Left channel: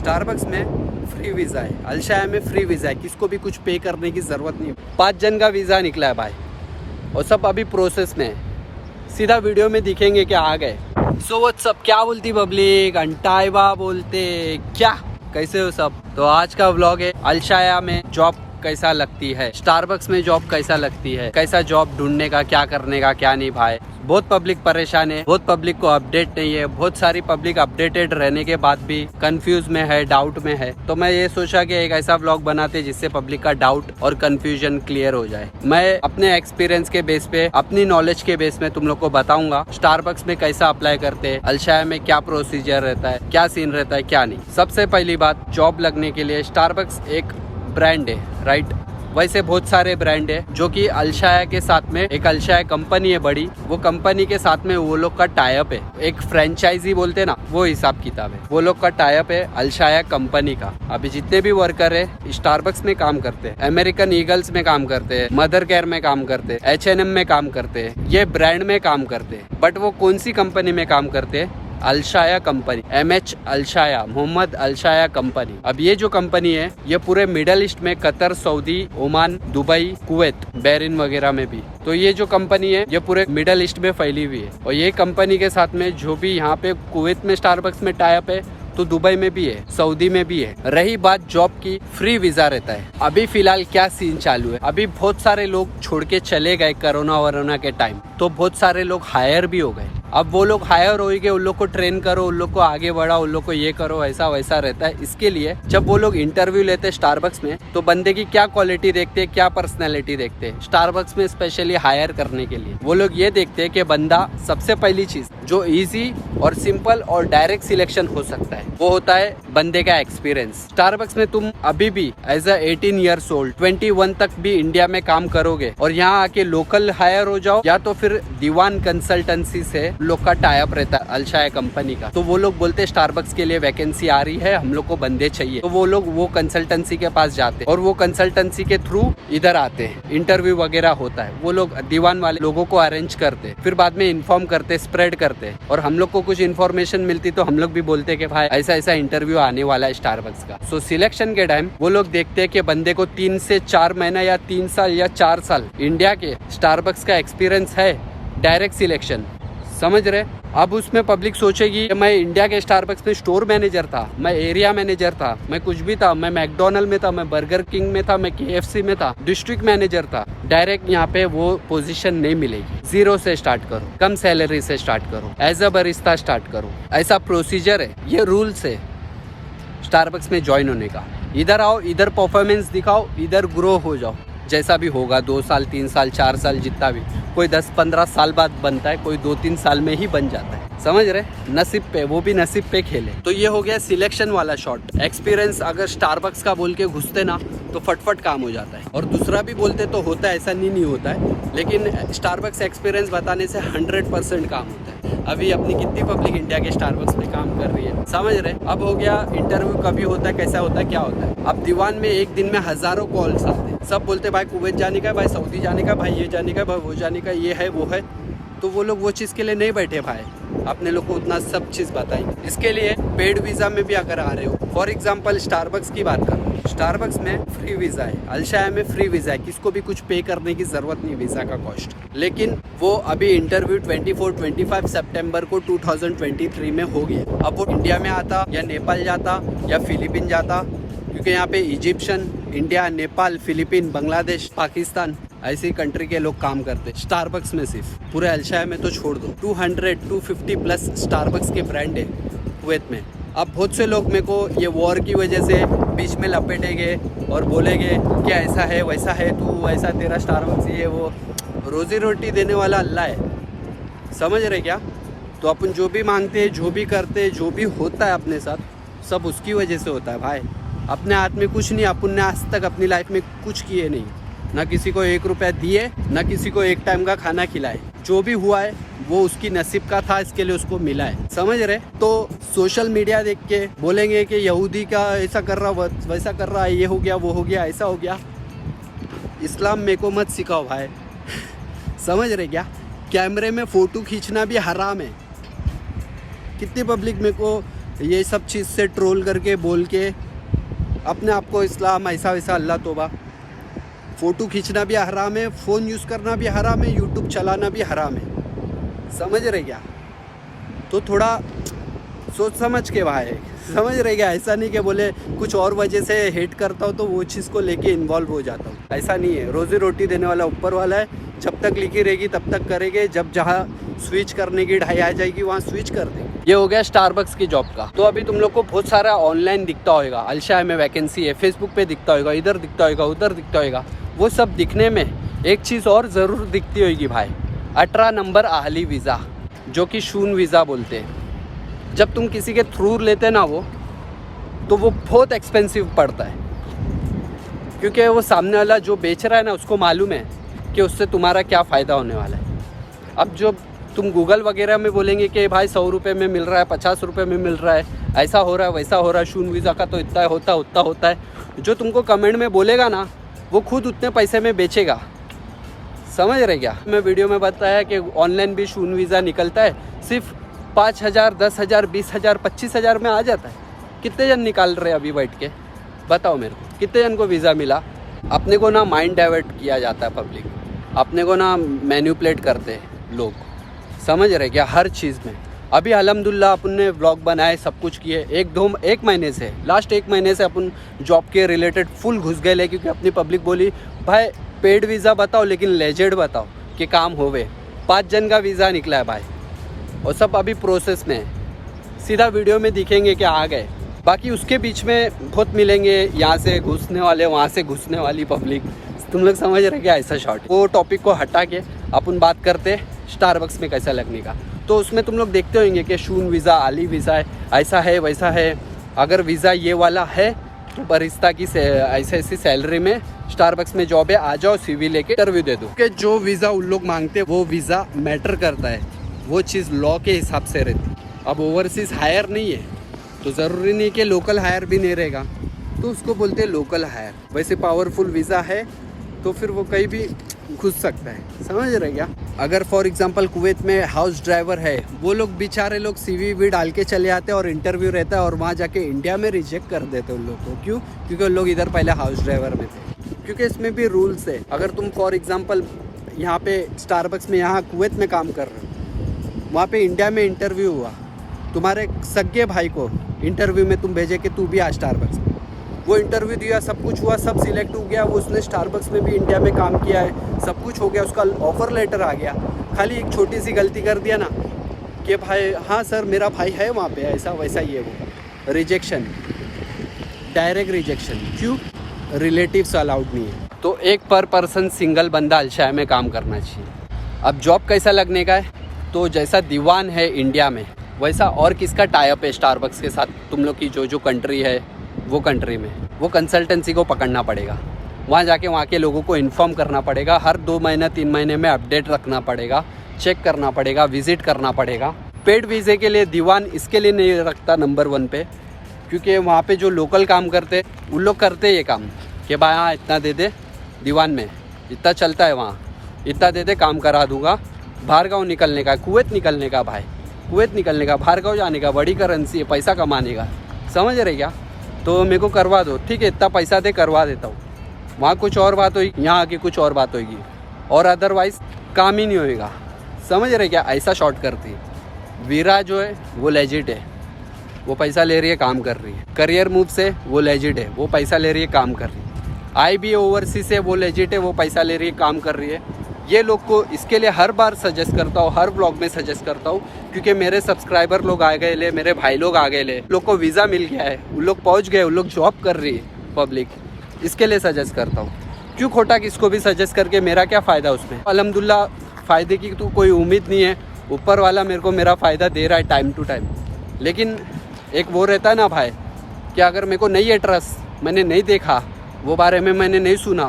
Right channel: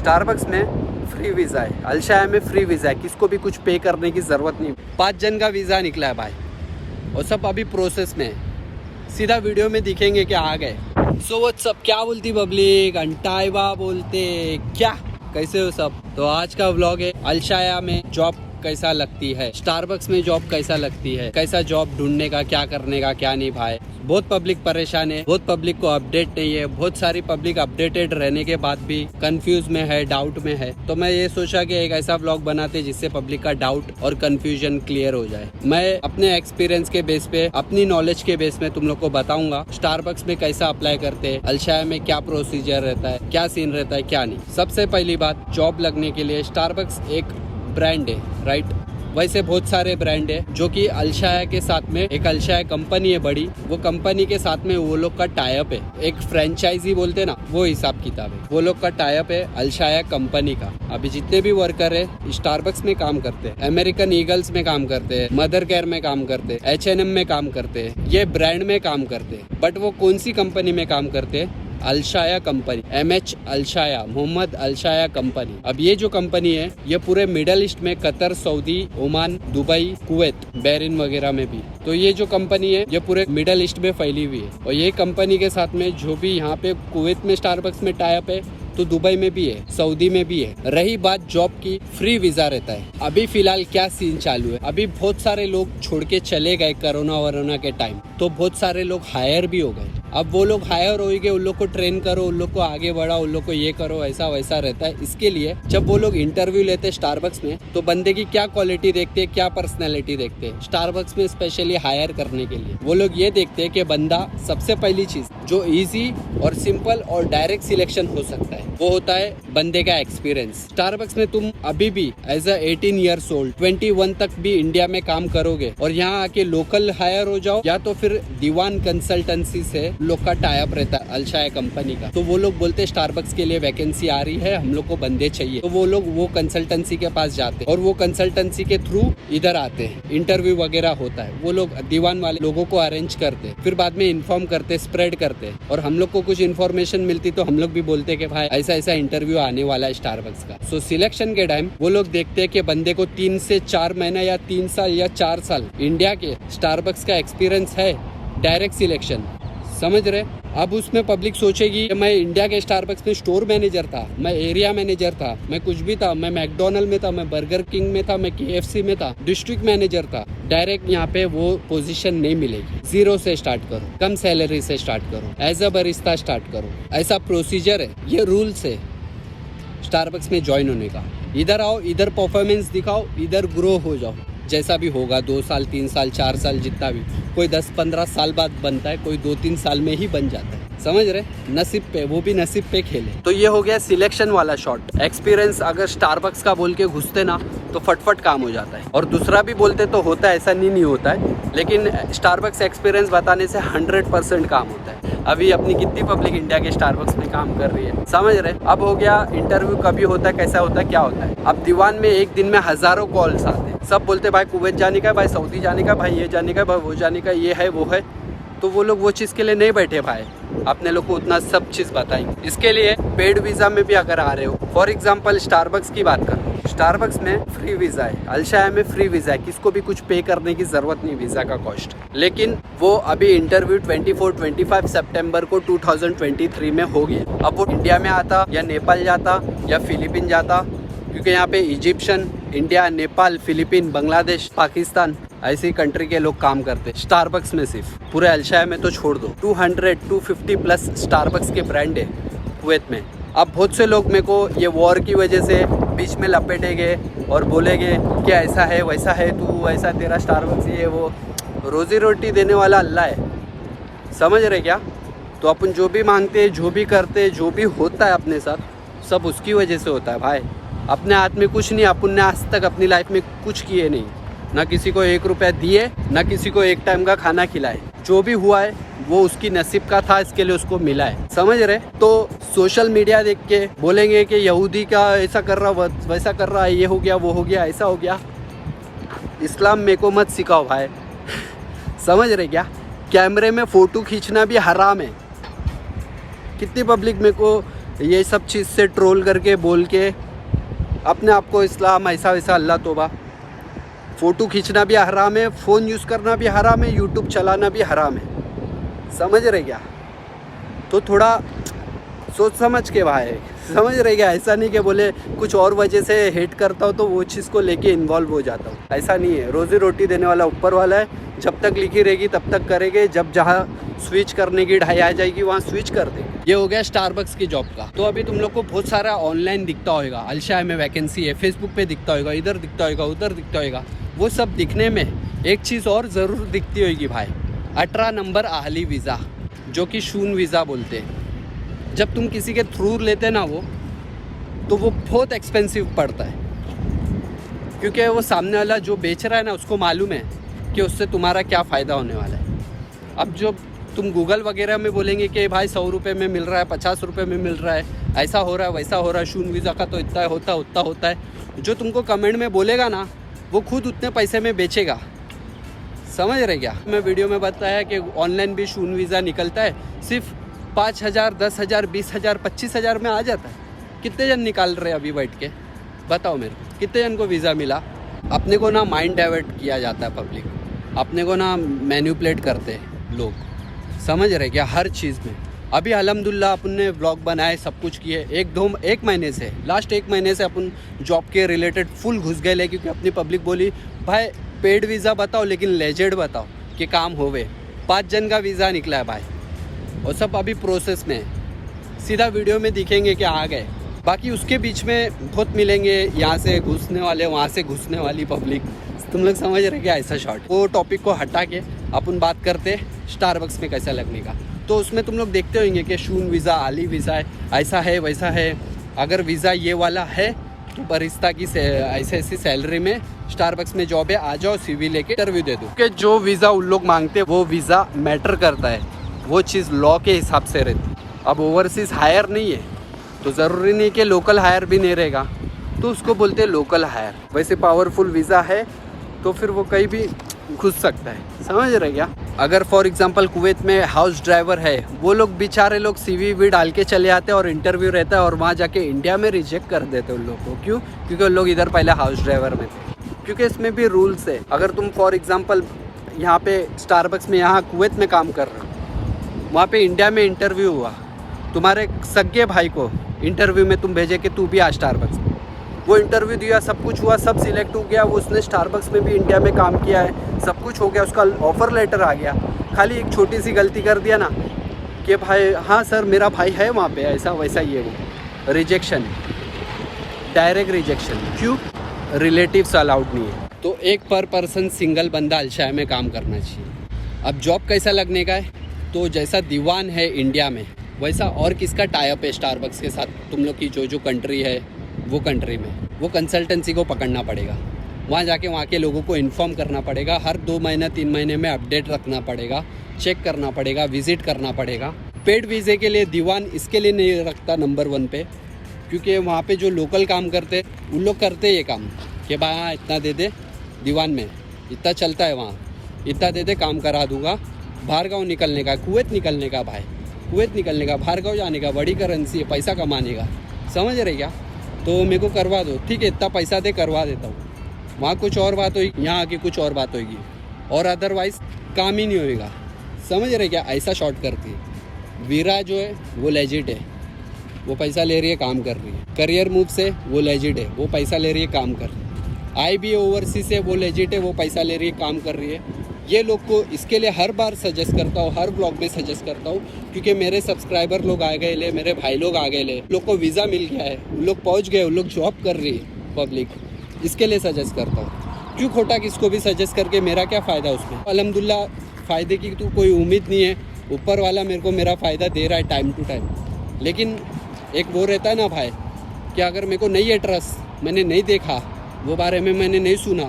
Starbucks में free visa है, अलशाया में फ्री वीज़ा है, किसको भी कुछ पे करने की ज़रूरत नहीं। 5 जन का वीज़ा निकला है भाई, और सब अभी प्रोसेस में है। सीधा वीडियो में दिखेंगे कि आ गए। सो व्हाट्स अप, क्या बोलती पब्लिक, अंटाइवा बोलते क्या, कैसे हो सब। तो आज का व्लॉग है अलशाया में जॉब कैसा लगती है, स्टारबक्स में जॉब कैसा लगती है, कैसा जॉब ढूंढने का, क्या करने का, क्या नहीं भाई। बहुत पब्लिक परेशान है, बहुत पब्लिक को अपडेट नहीं है, बहुत सारी पब्लिक अपडेटेड रहने के बाद भी कंफ्यूज में है, डाउट में है। तो मैं ये सोचा कि एक ऐसा व्लॉग बनाते जिससे पब्लिक का डाउट और कंफ्यूजन क्लियर हो जाए। मैं अपने एक्सपीरियंस के बेस पे, अपनी नॉलेज के बेस में तुम लोग को बताऊंगा स्टारबक्स में कैसा अप्लाई करते हैं, अलशाया में क्या प्रोसीजर रहता है, क्या सीन रहता है, क्या नहीं। सबसे पहली बात, जॉब लगने के लिए स्टारबक्स एक ब्रांड है, राइट। वैसे बहुत सारे ब्रांड है जो कि अलशाया के साथ में, एक अलशाया कंपनी है बड़ी, वो कंपनी के साथ में वो लोग का टाइप है, एक फ्रेंचाइजी बोलते ना, वो हिसाब किताब है। वो लोग का टाइप है अलशाया कंपनी का। अभी जितने भी वर्कर है स्टारबक्स में काम करते हैं, अमेरिकन ईगल्स में काम करते हैं, मदर केयर में काम करते हैं, H&M में काम करते हैं, ये ब्रांड में काम करते हैं। बट वो कौन सी कंपनी में काम करते हैं? अलशाया कंपनी, MH अलशाया, मोहम्मद अलशाया कंपनी। अब ये जो कंपनी है ये पूरे मिडल ईस्ट में, Qatar, Saudi, Oman, Dubai, Kuwait, Bahrain वगैरह में भी। तो ये जो कंपनी है ये पूरे मिडल ईस्ट में फैली हुई है। और ये कंपनी के साथ में जो भी यहाँ पे कुवैत में स्टारबक्स में टाइप है, तो दुबई में भी है, सऊदी में भी है। रही बात जॉब की, फ्री वीजा रहता है। अभी फिलहाल क्या सीन चालू है, अभी बहुत सारे लोग छोड़ के चले गए कोरोना के टाइम, तो बहुत सारे लोग हायर भी हो गए। अब वो लोग हायर हो गए, उन लोग को ट्रेन करो, उन लोग को आगे बढ़ाओ, उन लोग को ये करो, ऐसा वैसा रहता है। इसके लिए जब वो लोग इंटरव्यू लेते हैं स्टारबक्स में, तो बंदे की क्या क्वालिटी देखते हैं, क्या पर्सनैलिटी देखते हैं। स्टारबक्स में स्पेशली हायर करने के लिए वो लोग ये देखते हैं कि बंदा, सबसे पहली चीज जो इजी और सिंपल और डायरेक्ट सिलेक्शन हो सकता है, वो होता है बंदे का एक्सपीरियंस। स्टारबक्स में तुम अभी भी एज अ 18 ईयर्स ओल्ड, 21 तक भी इंडिया में काम करोगे और यहाँ आके लोकल हायर हो जाओ, या तो फिर दीवान कंसल्टेंसी से लोग का टाइप रहता है अलशाया कंपनी का। तो वो लोग बोलते हैं स्टारबक्स के लिए वैकेंसी आ रही है, हम लोग को बंदे चाहिए। तो वो लोग वो कंसल्टेंसी के पास जाते हैं और वो कंसल्टेंसी के थ्रू इधर आते हैं, इंटरव्यू वगैरह होता है, वो लोग दीवान वाले लोगों को अरेंज करते हैं, फिर बाद में इन्फॉर्म करते, स्प्रेड करते हैं। और हम लोग को कुछ इन्फॉर्मेशन मिलती तो हम लोग भी बोलते कि भाई ऐसा ऐसा इंटरव्यू आने वाला है स्टारबक्स का। सो सिलेक्शन के टाइम वो लोग देखते हैं कि बंदे को 3 से 4 महीना या 3 साल या 4 साल इंडिया के स्टारबक्स का एक्सपीरियंस है। डायरेक्ट सिलेक्शन, समझ रहे। अब उसमें पब्लिक सोचेगी कि मैं इंडिया के स्टारबक्स में स्टोर मैनेजर था, मैं एरिया मैनेजर था, मैं कुछ भी था, मैं मैकडोनल्ड में था, मैं बर्गर किंग में था, मैं KFC में था, डिस्ट्रिक्ट मैनेजर था। डायरेक्ट यहाँ पे वो पोजीशन नहीं मिलेगी। 0 से स्टार्ट करो, कम सैलरी से स्टार्ट करो, एज अ बरिस्ता स्टार्ट करो। ऐसा प्रोसीजर है, ये रूल्स है स्टारबक्स में ज्वाइन होने का। इधर आओ, इधर परफॉर्मेंस दिखाओ, इधर ग्रो हो जाओ। जैसा भी होगा, 2 साल, 3 साल, 4 साल, जितना भी, कोई 10-15 साल बाद बनता है, कोई 2-3 साल में ही बन जाता है, समझ रहे। नसीब पे, वो भी नसीब पे खेले। तो ये हो गया सिलेक्शन वाला शॉट। एक्सपीरियंस अगर स्टारबक्स का बोल के घुसते ना तो फटफट काम हो जाता है। और दूसरा भी बोलते तो होता है, ऐसा नहीं होता है, लेकिन स्टारबक्स एक्सपीरियंस बताने से 100% काम होता है। अभी अपनी कितनी पब्लिक इंडिया के स्टारबक्स में काम कर रही है, समझ रहे। अब हो गया इंटरव्यू, कभी होता है, कैसा होता है, क्या होता है। अब दीवान में एक दिन में हजारों कॉल्स आते हैं, सब बोलते भाई कुवैत जाने का, भाई सऊदी जाने का, भाई ये जाने का, भाई वो जाने का, ये है वो है। तो वो लोग वो चीज़ के लिए नहीं बैठे भाई, अपने लोग को उतना सब चीज़ बताएंगे। इसके लिए पेड वीज़ा में भी अगर आ रहे हो, फॉर एग्जांपल स्टारबक्स की बात करो, स्टारबक्स में फ्री वीज़ा है, अलशाया में फ्री वीज़ा है, किसको भी कुछ पे करने की ज़रूरत नहीं वीज़ा का कॉस्ट। लेकिन वो अभी इंटरव्यू 24-25 सितंबर को 2023 में हो गया। अब वो इंडिया में आता या नेपाल जाता या फिलीपीन जाता, क्योंकि यहाँ पे Egyptian, India, Nepal, Philippine, Bangladesh, Pakistan, ऐसी कंट्री के लोग काम करते। स्टारबक्स में सिर्फ, पूरे अलशाया में तो छोड़ दो, 200-250 प्लस स्टारबक्स के ब्रांड है कुवैत में। अब बहुत से लोग मेरे को ये वॉर की वजह से बीच में लपेटेंगे और बोलेंगे कि ऐसा है वैसा है, तू ऐसा, तेरा स्टारबक्स ये वो। रोजी रोटी देने वाला अल्लाह है, समझ रहे क्या। तो अपन जो भी मांगते, जो भी करते, जो भी होता है अपने साथ, सब उसकी वजह से होता है भाई। अपने हाथ में कुछ नहीं, अपन ने आज तक अपनी लाइफ में कुछ किए नहीं, ना किसी को 1 रुपया दिए, ना किसी को 1 टाइम का खाना खिलाए। जो भी हुआ है वो उसकी नसीब का था, इसके लिए उसको मिला है, समझ रहे। तो सोशल मीडिया देख के बोलेंगे कि यहूदी का ऐसा कर रहा, वैसा कर रहा है, ये हो गया, वो हो गया, ऐसा हो गया। इस्लाम मेरे को मत सिखाओ भाई समझ रहे क्या। कैमरे में फ़ोटो खींचना भी हराम है। कितनी पब्लिक मेरे को ये सब चीज़ से ट्रोल करके बोल के अपने आप को इस्लाम ऐसा वैसा, अल्लाह तौबा। फ़ोटो खींचना भी हराम है, फ़ोन यूज़ करना भी हराम है, यूट्यूब चलाना भी हराम है, समझ रहे क्या? तो थोड़ा सोच समझ के भाई, समझ रहे क्या? ऐसा नहीं कि बोले कुछ और वजह से हेट करता हूँ तो वो चीज़ को लेके इन्वॉल्व हो जाता हूँ, ऐसा नहीं है। रोज़ी रोटी देने वाला ऊपर वाला है, जब तक लिखी रहेगी तब तक करेंगे, जब जहाँ स्विच करने की ढाई आ जाएगी वहाँ स्विच कर देंगे। ये हो गया स्टारबक्स की जॉब का। तो अभी तुम लोग को बहुत सारा ऑनलाइन दिखता होगा, अलशाय में वैकेंसी है, फेसबुक पे दिखता होगा, इधर दिखता होगा, उधर दिखता होगा। वो सब दिखने में एक चीज़ और ज़रूर दिखती होगी भाई, 18 नंबर अहली वीज़ा, जो कि शून वीज़ा बोलते हैं। जब तुम किसी के थ्रू लेते ना वो, तो वो बहुत एक्सपेंसिव पड़ता है, क्योंकि वो सामने वाला जो बेच रहा है ना, उसको मालूम है कि उससे तुम्हारा क्या फ़ायदा होने वाला है। अब जो तुम गूगल वगैरह में बोलेंगे कि भाई 100 रुपये में मिल रहा है, 50 रुपये में मिल रहा है, ऐसा हो रहा है, वैसा हो रहा है, शून वीज़ा का तो इतना होता उतना होता है, जो तुमको कमेंट में बोलेगा ना, वो खुद उतने पैसे में बेचेगा, समझ रहे क्या? मैं वीडियो में बताया कि ऑनलाइन भी शून वीज़ा निकलता है, सिर्फ 5,000, 10,000, 20,000, 25,000 में आ जाता है। कितने जन निकाल रहे हैं अभी बैठ के, बताओ मेरे को, कितने जन को वीज़ा मिला? अपने को ना माइंड डाइवर्ट किया जाता है पब्लिक, अपने को ना मैन्युपुलेट करते हैं लोग, समझ रहे क्या? हर चीज़ में। अभी अल्हम्दुलिल्लाह अपन ने व्लॉग बनाए, सब कुछ किए, एक महीने से, लास्ट 1 महीने से अपन जॉब के रिलेटेड फुल घुस गए, क्योंकि अपनी पब्लिक बोली भाई पेड वीज़ा बताओ लेकिन लेजेड बताओ कि काम होवे। 5 जन का वीज़ा निकला है भाई, और सब अभी प्रोसेस में है। सीधा वीडियो में दिखेंगे कि आ गए, बाकी उसके बीच में बहुत मिलेंगे, यहाँ से घुसने वाले, वहाँ से घुसने वाली पब्लिक। तुम लोग समझ रहे क्या? ऐसा शॉर्ट, वो टॉपिक को हटा के अपन बात करते स्टारबक्स में कैसा लगने का। तो उसमें तुम लोग देखते होंगे कि शून वीज़ा, आली वीज़ा है, ऐसा है वैसा है। अगर वीज़ा ये वाला है तो बरिस्ता की ऐसे ऐसी सैलरी में स्टारबक्स में जॉब है, आ जाओ, CV लेके इंटरव्यू दे दो। कि जो वीज़ा उन लोग मांगते हैं वो वीज़ा मैटर करता है, वो चीज़ लॉ के हिसाब से रहती। अब ओवरसीज़ हायर नहीं है तो ज़रूरी नहीं कि लोकल हायर भी नहीं रहेगा, तो उसको बोलते हैं लोकल हायर। वैसे पावरफुल वीज़ा है तो फिर वो कहीं भी घुस सकता है, समझ रहे क्या? अगर फॉर एग्जांपल कुवैत में हाउस ड्राइवर है, वो लोग बेचारे लोग CV भी डाल के चले आते हैं और इंटरव्यू रहता है, और वहाँ जाके इंडिया में रिजेक्ट कर देते हैं उन लोग को। क्यों? क्योंकि उन लोग इधर पहले हाउस ड्राइवर में थे। क्योंकि इसमें भी रूल्स है। अगर तुम फॉर एग्जांपल यहाँ पे स्टारबक्स में, यहाँ कुवैत में काम कर रहे हो, वहाँ पे इंडिया में इंटरव्यू हुआ, तुम्हारे सगे भाई को इंटरव्यू में तुम भेजे कि तू भी आ स्टारबक्स में, वो इंटरव्यू दिया, सब कुछ हुआ, सब सिलेक्ट हो गया, वो उसने स्टारबक्स में भी इंडिया में काम किया है, सब कुछ हो गया, उसका ऑफर लेटर आ गया। खाली एक छोटी सी गलती कर दिया ना कि भाई हाँ सर मेरा भाई है वहाँ पे, ऐसा वैसा, ये वो, रिजेक्शन, डायरेक्ट रिजेक्शन। क्यों? रिलेटिव्स अलाउड नहीं है। तो एक पर पर्सन सिंगल बंदा अलशाय में काम करना चाहिए। अब जॉब कैसा लगने का है, तो जैसा दीवान है इंडिया में, वैसा और किसका टाइप है स्टारबक्स के साथ, तुम लोग की जो कंट्री है वो कंट्री में, वो कंसल्टेंसी को पकड़ना पड़ेगा, वहाँ जाके वहाँ के लोगों को इन्फॉर्म करना पड़ेगा, हर 2 महीने 3 महीने में अपडेट रखना पड़ेगा, चेक करना पड़ेगा, विजिट करना पड़ेगा। पेड वीज़े के लिए दीवान इसके लिए नहीं रखता नंबर 1 पे, क्योंकि वहाँ पे जो लोकल काम करते उन लोग करते ये काम कि भाई हाँ इतना दे दे, दीवान में इतना चलता है, वहाँ इतना दे दे, काम करा दूंगा। बाहर गाँव निकलने का, कुवैत निकलने का भाई, कुवैत निकलने का, बाहर गाँव जाने का, बड़ी करेंसी है, पैसा कमाने का, समझ रहे क्या? तो मेरे को करवा दो, ठीक है, इतना पैसा दे, करवा देता हूँ। वहाँ कुछ और बात होगी, यहाँ आके कुछ और बात होगी, और अदरवाइज़ काम ही नहीं होएगा, समझ रहे क्या? ऐसा शॉर्ट करती है। वीरा जो है वो लेजिट है, वो पैसा ले रही है, काम कर रही है। करियर मूव से वो लेजिट है, वो पैसा ले रही है, काम कर रही है। IB ओवरसीज से वो लेजिट है, वो पैसा ले रही है, काम कर रही है। ये लोग को इसके लिए हर बार सजेस्ट करता हूँ, हर ब्लॉग में सजेस्ट करता हूँ, क्योंकि मेरे सब्सक्राइबर लोग आ गए ले, मेरे भाई लोग आ गए ले, लोग को वीज़ा मिल गया है, उन लोग पहुँच गए, उन लोग जॉब कर रही है पब्लिक, इसके लिए सजेस्ट करता हूँ। क्यों खोटा किसको भी सजेस्ट करके मेरा क्या फ़ायदा उसमें? अल्हम्दुलिल्लाह फ़ायदे की तो कोई उम्मीद नहीं है, ऊपर वाला मेरे को मेरा फ़ायदा दे रहा है टाइम टू टाइम। लेकिन एक वो रहता है ना भाई, कि अगर मेरे को नहीं है ट्रस्ट, मैंने नहीं देखा, वो बारे में मैंने नहीं सुना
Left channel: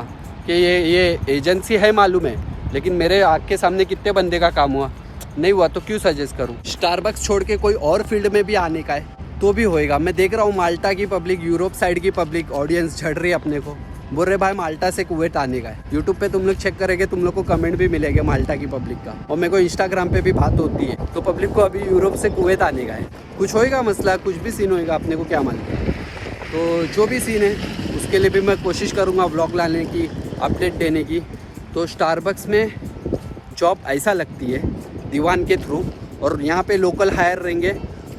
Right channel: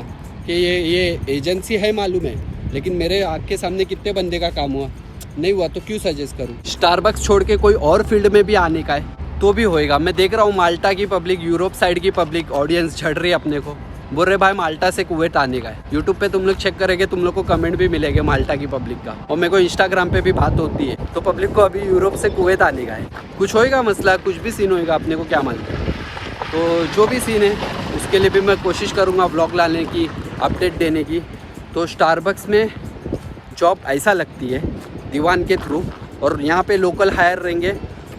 कि ये एजेंसी है, मालूम है, लेकिन मेरे आँख के सामने कितने बंदे का काम हुआ, नहीं हुआ, तो क्यों सजेस्ट करूँ? स्टारबक्स छोड़ के कोई और फील्ड में भी आने का है तो भी होएगा। मैं देख रहा हूँ माल्टा की पब्लिक, यूरोप साइड की पब्लिक ऑडियंस झड़ रही है अपने को, बोल रहे भाई माल्टा से कुवैत आने का है। यूट्यूब पे तुम लोग चेक करेंगे, तुम लोग को कमेंट भी मिलेंगे माल्टा की पब्लिक का, और मेरे को इंस्टाग्राम पे भी बात होती है। तो पब्लिक को अभी यूरोप से कुवैत आने का है। कुछ होएगा मसला, कुछ भी सीन होएगा, अपने को क्या मालूम। तो जो भी सीन है उसके लिए भी मैं कोशिश करूँगा व्लॉग लाने की, अपडेट देने की। तो स्टारबक्स में जॉब ऐसा लगती है दीवान के थ्रू, और यहाँ पे लोकल हायर रहेंगे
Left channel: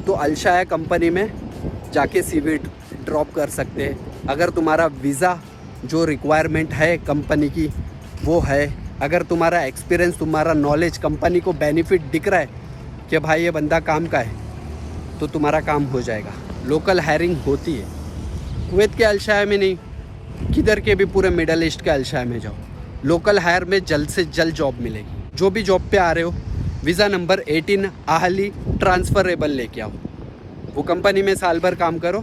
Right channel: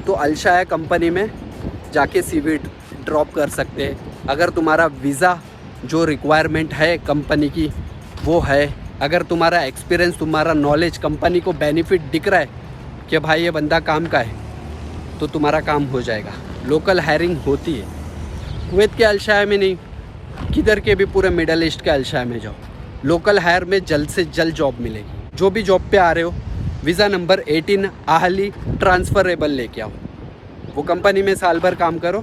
तो अलशाया कंपनी में जाके CV ड्रॉप कर सकते हैं। अगर तुम्हारा वीज़ा जो रिक्वायरमेंट है कंपनी की वो है, अगर तुम्हारा एक्सपीरियंस, तुम्हारा नॉलेज कंपनी को बेनिफिट दिख रहा है कि भाई ये बंदा काम का है, तो तुम्हारा काम हो जाएगा। लोकल हायरिंग होती है कुवैत के अलशाया में नहीं, किधर के भी पूरे मिडल ईस्ट के अलशाया में जाओ, लोकल हायर में जल्द से जल्द जॉब मिलेगी। जो भी जॉब पे आ रहे हो वीज़ा नंबर 18 आहली ट्रांसफ़रेबल लेके आओ। वो कंपनी में साल भर काम करो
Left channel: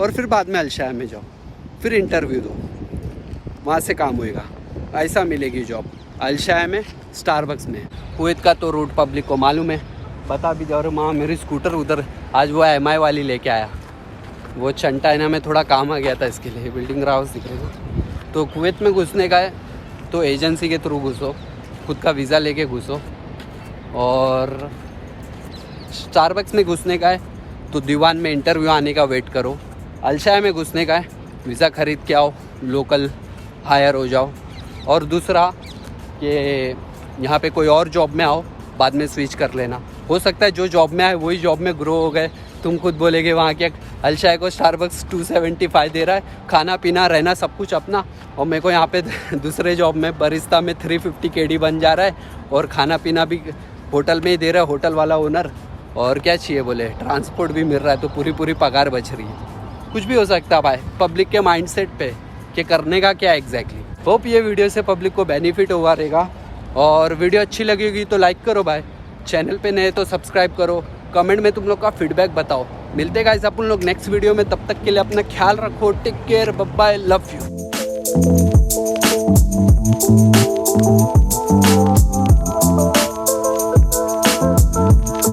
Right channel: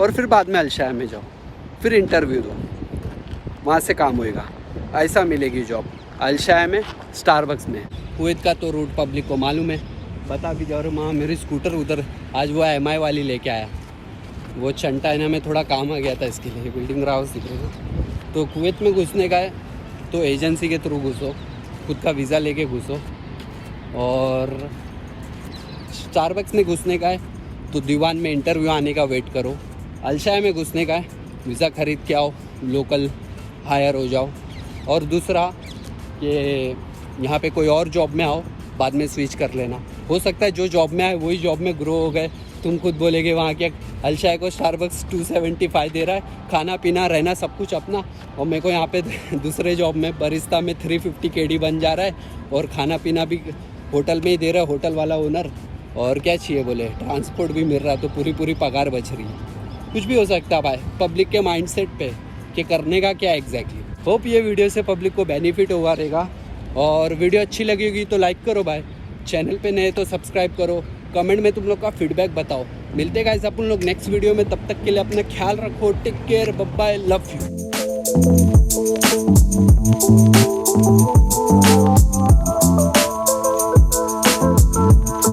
और फिर बाद में अलशाया में जाओ, फिर इंटरव्यू दो, वहाँ से काम होएगा। ऐसा मिलेगी जॉब अलशाया में, स्टारबक्स में। कुवैत का तो रूट पब्लिक को मालूम है, बता भी जाओ। माँ मेरी स्कूटर उधर आज वो MI वाली लेके आया, वो चंटाइना में थोड़ा काम आ गया था, इसके लिए बिल्डिंग हाउस दिख रही है। तो कुवैत में घुसने का है तो एजेंसी के थ्रू घुसो, खुद का वीज़ा लेके घुसो। और स्टारबक्स में घुसने का है तो दीवान में इंटरव्यू आने का वेट करो। अलशाया में घुसने का है वीज़ा ख़रीद के आओ, लोकल हायर हो जाओ। और दूसरा कि यहाँ पे कोई और जॉब में आओ, बाद में स्विच कर लेना। हो सकता है जो जॉब में आए वही जॉब में ग्रो हो गए। तुम खुद बोलेगे वहाँ के अलशाया को स्टारबक्स 275 दे रहा है, खाना पीना रहना सब कुछ अपना, और मेरे को यहाँ पे दूसरे जॉब में बरिस्ता में 350 KD बन जा रहा है, और खाना पीना भी होटल में ही दे रहा है होटल वाला ओनर। और क्या चाहिए बोले, ट्रांसपोर्ट भी मिल रहा है, तो पूरी पगार बच रही है। कुछ भी हो सकता है भाई पब्लिक के माइंडसेट पे कि करने का क्या एग्जैक्टली। होप ये वीडियो से पब्लिक को बेनिफिट हुआ रहेगा, और वीडियो अच्छी लगेगी तो लाइक करो भाई, चैनल पे नए तो सब्सक्राइब करो, कमेंट में तुम लोग का फीडबैक बताओ। मिलते हैं गाइस अपन लोग नेक्स्ट वीडियो में, तब तक के लिए अपना ख्याल रखो, take care, bye bye, love you.